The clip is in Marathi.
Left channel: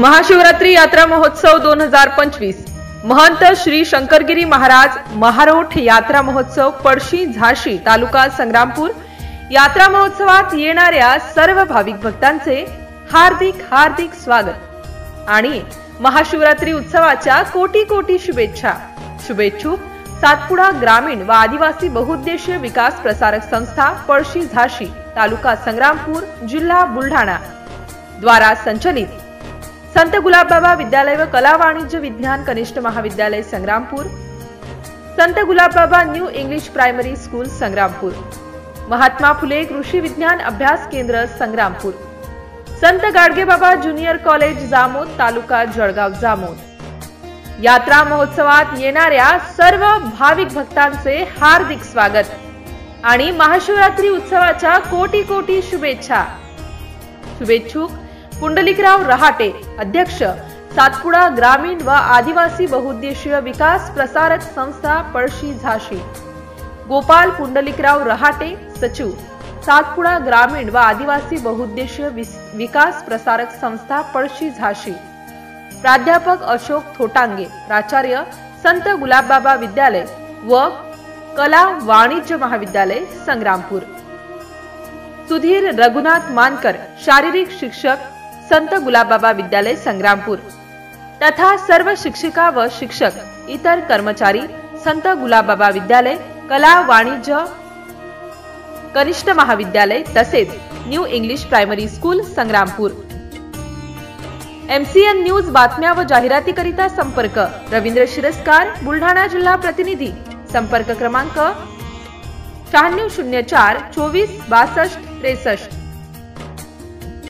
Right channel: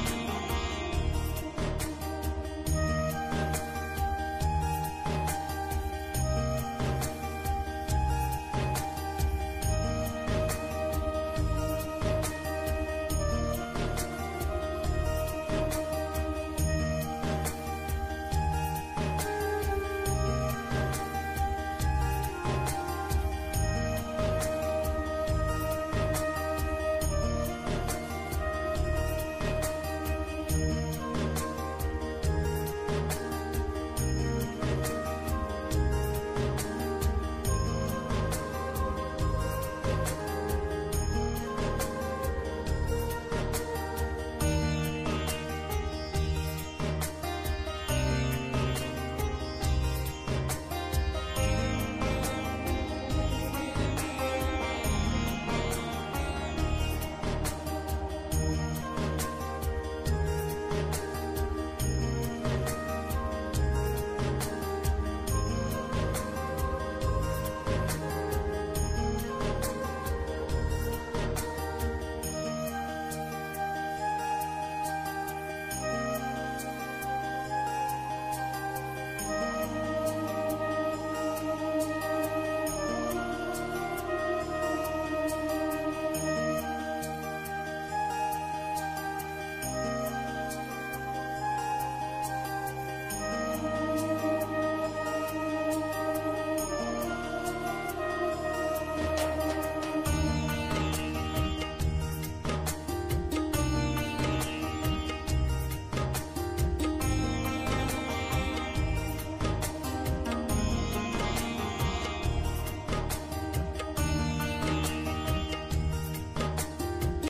महाशिवरात्री यात्रा महोत्सव 2025 महंत श्री शंकरगिरी महाराज महारोठ यात्रा महोत्सव पळशी झाशी तालुका संग्रामपूर यात्रा महोत्सवात येणाऱ्या सर्व भाविक भक्तांचे हार्दिक हार्दिक स्वागत आणि महाशिवरात्री उत्सवाच्या कोटी कोटी शुभेच्छा। शुभेच्छुक सातपुडा ग्रामीण व आदिवासी बहुउद्देशीय विकास प्रसारक संस्था पळशी झाशी तालुका संग्रामपूर जिल्हा बुलढाणा द्वारा संचलित संत गुलाबबाबा विद्यालय व कला वाणिज्य विज्ञान कनिष्ठ महाविद्यालय Sangrampur, Sant Gulabbaba new English primary school Sangrampur, Mahatma Phule कृषी विज्ञान अभ्यास केंद्र संग्रामपूर, संत गाडगेबाबा ज्युनियर कॉलेज जामोद तालुका जळगाव जामोद यात्रा महोत्सवात येणाऱ्या सर्व भाविक भक्तांचे हार्दिक स्वागत आणि महाशिवरात्री उत्सवाच्या कोटी कोटी शुभेच्छा। शुभेच्छुक पुंडलिकराव रहाटे अध्यक्ष सातपुडा ग्रामीण व आदिवासी बहुउद्देशीय विकास प्रसारक संस्था पळशी झाशी, गोपाल पुंडलिकराव रहाटे सचिव सातपुडा ग्रामीण व आदिवासी बहुउद्देशीय विकास प्रसारक संस्था पळशी झाशी, प्राध्यापक अशोक थोटांगे प्राचार्य संत गुलाबबाबा विद्यालय व कला वाणिज्य महाविद्यालय संग्रामपूर, सुधीर रघुनाथ मानकर शारीरिक शिक्षक संत गुलाबबाबा विद्यालय संग्रामपूर तथा सर्व शिक्षिका व शिक्षक इतर कर्मचारी संत गुलाबबाबा विद्यालय कला वाणिज्य कनिष्ठ महाविद्यालय तसेच new English primary school Sangrampur. MCN news बातम्या व जाहिरातीकरिता संपर्क रवींद्र शिरस्कार बुलढाणा जिल्हा प्रतिनिधी संपर्क क्रमांक 9604 24 62 63।